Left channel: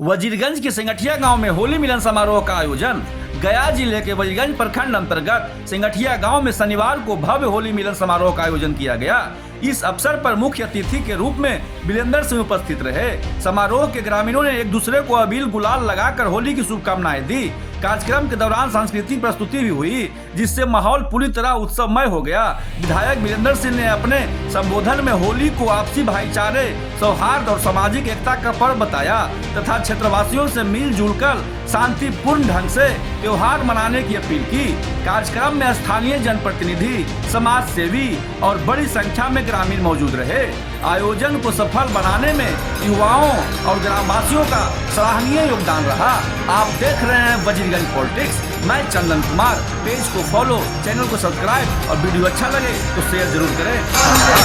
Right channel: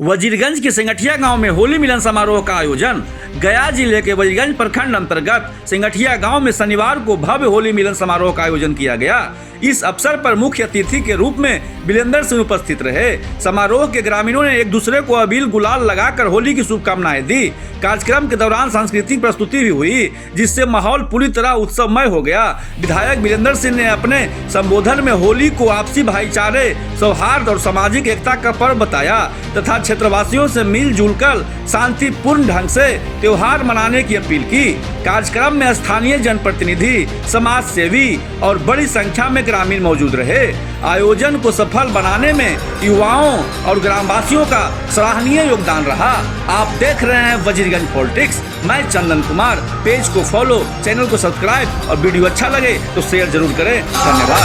वजीरगंज के सिंगठिया गांव में होली मिलन समारोह का आयोजन। गया जिले के वजीरगंज प्रखंड अंतर्गत सिंगठिया गांव में शनिवार को भव्य होली मिलन समारोह का आयोजन किया गया। इस अवसर पर मुख्य अतिथि के रूप में बिलेंदर सिंह उपस्थित रहे। समारोह के ग्रामीणों ने एक दूसरे को अबीर गुलाल लगाकर होली की शुभकामनाएं दी। कार्यक्रम के दौरान सांस्कृतिक प्रस्तुति भी हुई, जिससे माहौल पूरी तरह उत्सवमय हो गया। विधायक बिलेंदर सिंह ने अपने संबोधन में होली को आपसी भाईचारे, सौहार्द और सामाजिक एकता का पर्व बताया तथा क्षेत्रवासियों से मिलजुल कर शांतिपूर्ण ढंग से त्योहार मनाने की अपील की। कार्यक्रम में स्थानीय जनप्रतिनिधि, समाज सेवी और बड़ी संख्या में ग्रामीण मौजूद रहे। आयोजन को सफल बनाने में युवाओं और ग्रामवासियों का सराहनीय योगदान रहा। आप देख रहे हैं वजीरगंज पॉलिटिक्स। मैं चंदन कुमार। पेज को फॉलो, चैनल को सब्सक्राइब और वीडियो अच्छा लगे तो शेयर जरूर करें। धन्यवाद।